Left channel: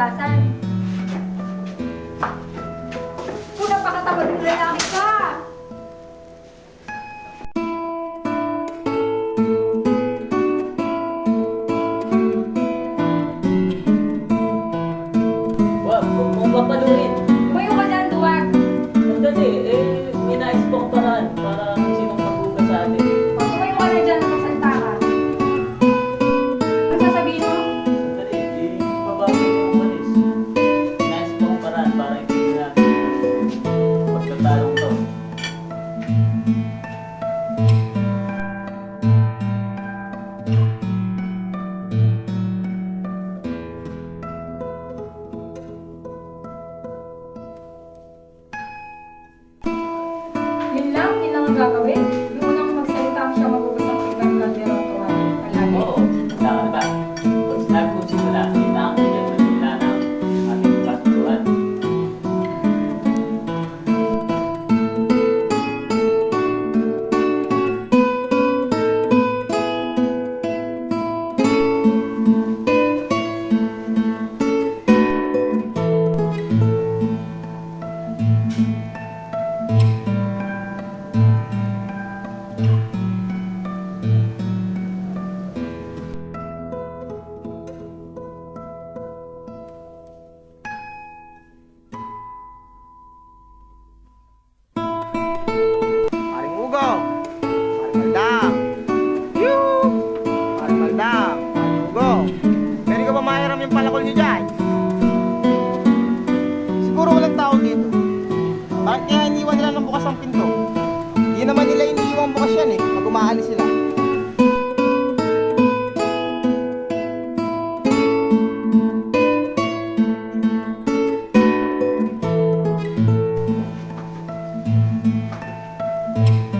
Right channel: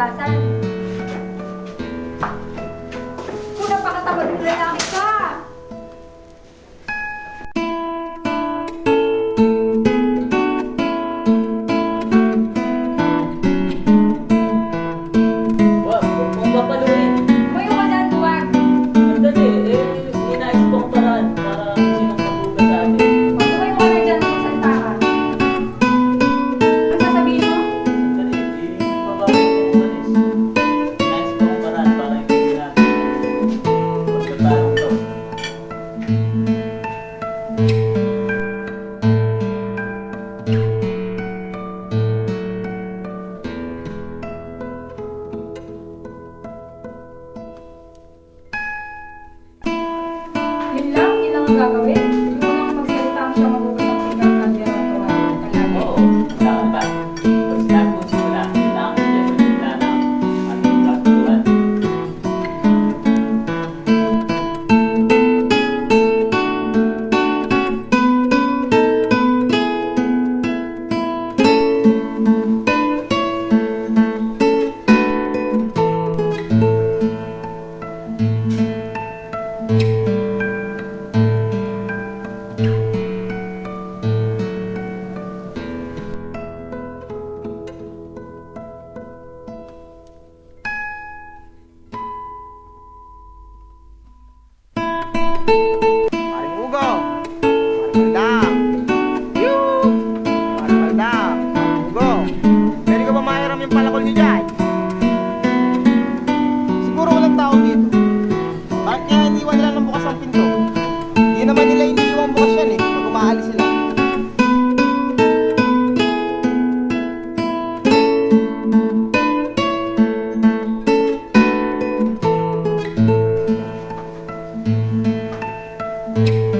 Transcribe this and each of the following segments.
hugasan. Kung napakatamad ng lalaki ka! Wag mong papaluin. Umayo ka dyan, duwag! Andali, may nais pong paraan para kung sinong maghugas sa atin. Tumayo ka na dyan, magsalita ka. Ano sasabihin mo? Sandali, babago mo yung umalis. May nais pong paraan para hindi natin yung pagkatalong to. Yun lang ang gagawin. Yung unang magsalita ang siya magugas ng pinggan kaldero at tuwalya. Palagi. Oo, wala ka na ba? Pag sinabi kong simula, yun na ang dyan magsimula ng ating kasunduan. Paring Ugong, Paring Maldang, Yoo! Paring Maldang, Paring Ugong. Pwede ka ba mahiram yung palakol niyo dyan? Siguro walang tao dito. Bakit kaya iniwan nila ng bukas ang pinto? Di naman nila iniiwan bukas yan eh, pag umaalis sila.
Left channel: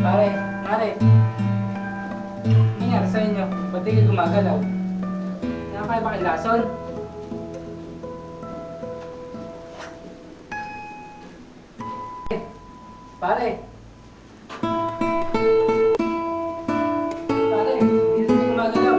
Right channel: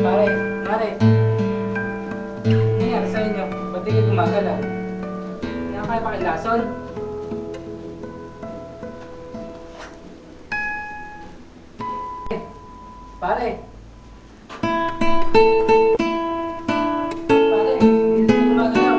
Pare, mare. Ano nangyari sa inyo? Ba't di kayo gumagalaw? Hindi na kayo pakilason? Pare. Pare, hindi na kayo gumagalaw.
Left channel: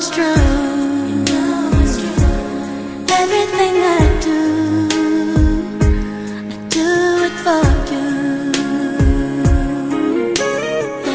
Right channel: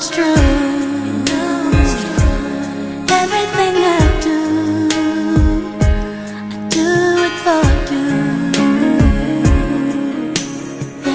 it's true. Everything I do it for you.